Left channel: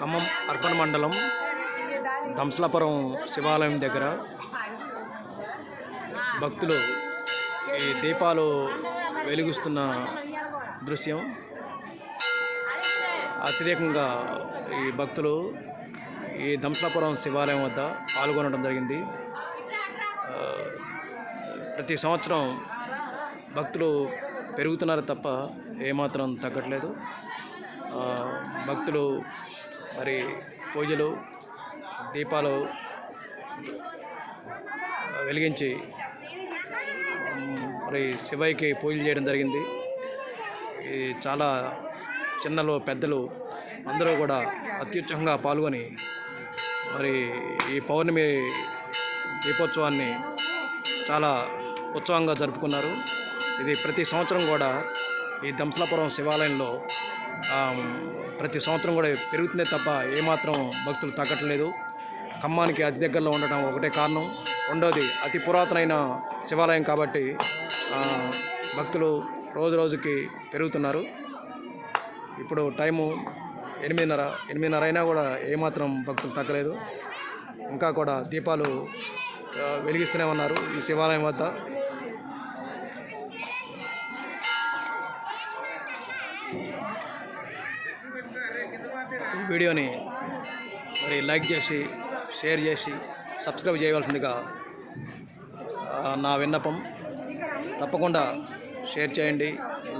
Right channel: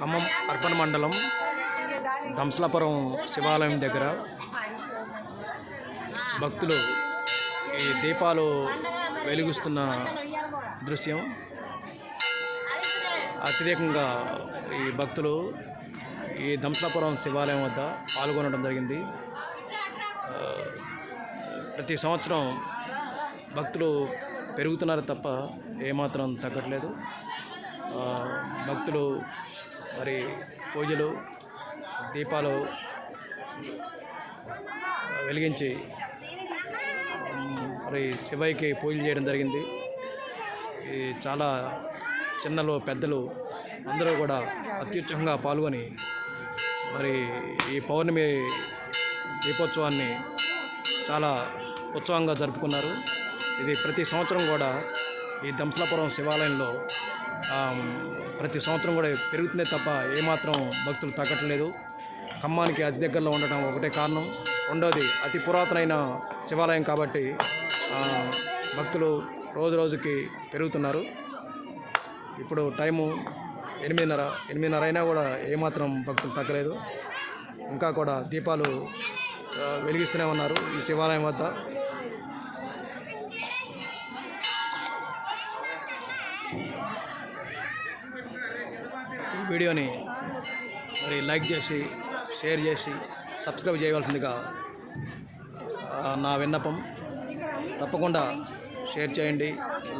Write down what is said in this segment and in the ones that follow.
Khammam urban మండలం దంసలాపురం శివాలయం దగ్గర భక్తులు ఈ దీపాలు వెలుగుస్తున్న దృశ్యం. అత్యధికంగా ఈ భక్తులు ఈ దంసలాపురం శివాలయం వద్ద పాల్గొనడం జరిగింది. ప్రతి సంవత్సరం భక్తులు పెరుగుతున్నారు తప్ప ఏమాత్రం తగ్గట్లేదు. భక్తులు మరి పూజలు దీపాలు వెలిగించి మరి శివయ్యకి పూజలు చేయడం జరిగింది. ఈ చాలా చిన్నలు పెద్దలు అందరూ కూడా అత్యుత్సాహంగా పాల్గొని మరి ఈ పౌర్ణమి దీపోత్సవాన్ని చాలా ఉత్సవంగా జరుపుకున్నారు. ఇది ప్రతి సంవత్సరం కూడా ఈ దంసలాపురం శివాలయంలో ప్రతి సంవత్సరం కూడా పెరుగుతుందే తప్ప ఏమాత్రం భక్తులు తగ్గట్లేదు. ఖమ్మానికి అతి దగ్గరలో ఉండటం ఒకటే కారణం. రెండోది అతి పురాతనమైన శివాలయం కాబట్టి భక్తులు రోజు రోజుకి పెరుగుతున్నారు. ఇప్పుడు టైము ఎనిమిదిన్నర ఎనిమిదిన్నర అయినా కూడా ఏమాత్రం భక్తులు తగ్గలేదు. ఇంకా కూడా దీపాలు వెలిగిస్తూనే ఉన్నారు ఈ శివాలయం వద్ద. ఈ వీడియోని మరి లైక్ చేసి షేర్ చేసి సబ్స్క్రైబ్ చేయవలసిందిగా నా విన్నపం. తప్పకుండా షేర్ చేయండి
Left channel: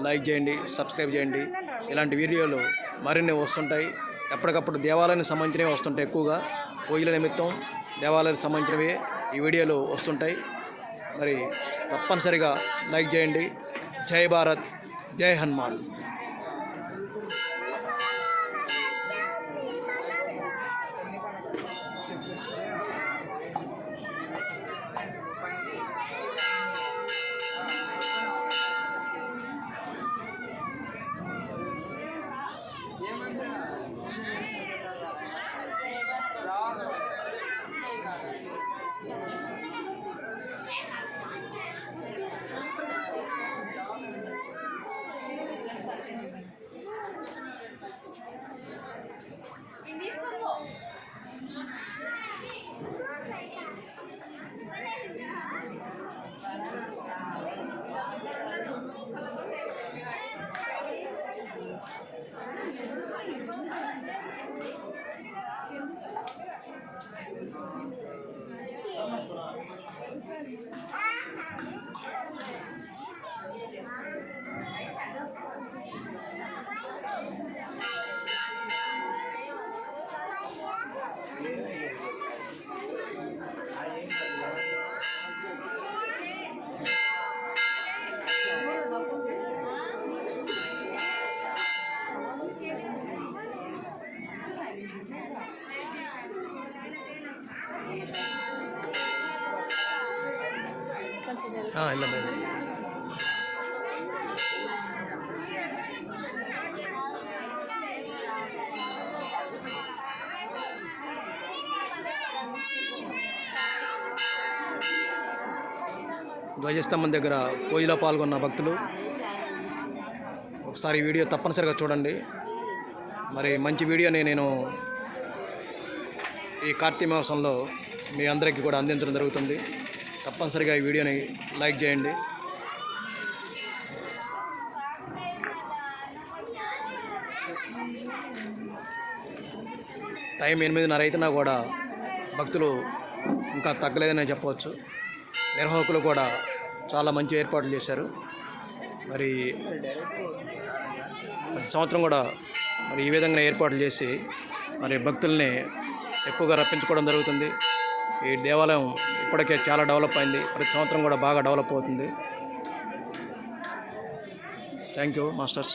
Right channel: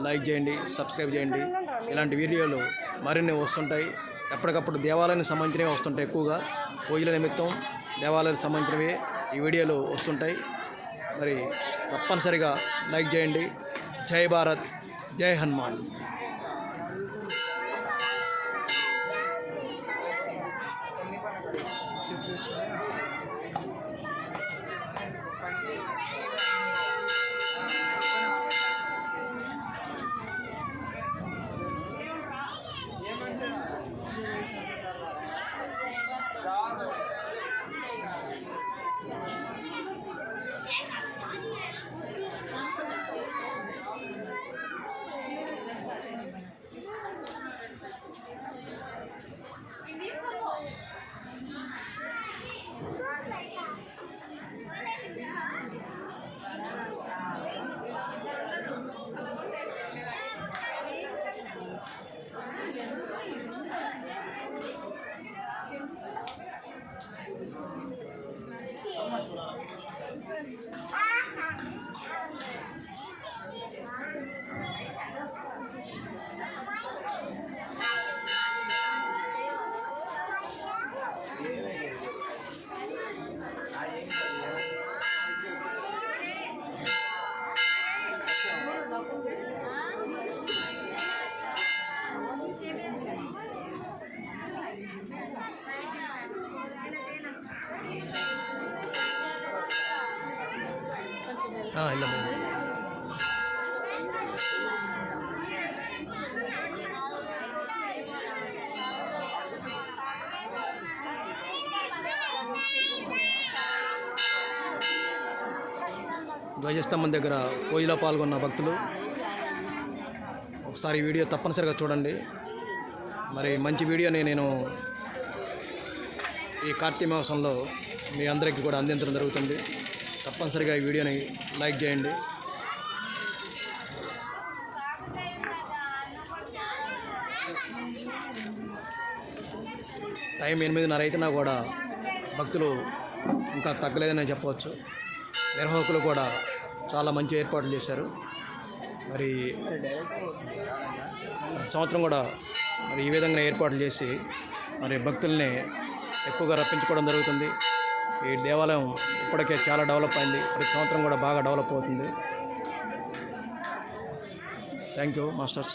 లైక్ చేయండి సబ్స్క్రైబ్ చేయండి. ఇలాంటి వీడియోలు మరిన్ని వస్తుంటాయి. ఎప్పటికప్పుడు దేవాలయానికి సంబంధించినవి వస్తుంటాయి ఎక్కువగా. పూజల నిమిత్తం దేవాలయానికి సంబంధించినవి ఈ వీడియోలు వస్తుంటాయి. మరి తప్పనిసరిగా లైక్ చేయండి. జై భారత్ జై హనుమాన్. ಇಲ್ಲ ಇಲ್ಲ ధ్వజస్తంభం దగ్గర పూజలో పాల్గొన్న భక్తులు ఒకసారి ఈ వీడియో తప్పనిసరిగా చూడండి మరి మంచి వీడియోని నేను ఈ కార్తీక మాసంలో మీ అందరికీ కూడా అందించడం జరుగుతుంది తప్పనిసరిగా ఈ వీడియోని లైక్ చేయండి. టైం ఎనిమిదిన్నర అయితేనా కూడా భక్తులు ఇంకా తగ్గలేదని చెప్పవచ్చు. నిర్వాహకులు కూడా చాలా మంచి ఏర్పాట్లు చేశారు. మరి ప్రతి సంవత్సరం కూడా మరి ఈ విధంగా ఏర్పాట్లు చేసి మరి భక్తుల్ని ఎక్కువగా రప్పించుకోవడం జరుగుతుంది. ఈ దేవాలయం ఇప్పటికే చాలా డెవలప్ అయింది. ప్రతి సంవత్సరం కూడా బాగా డెవలప్ అవుతుంది. Thank you masters.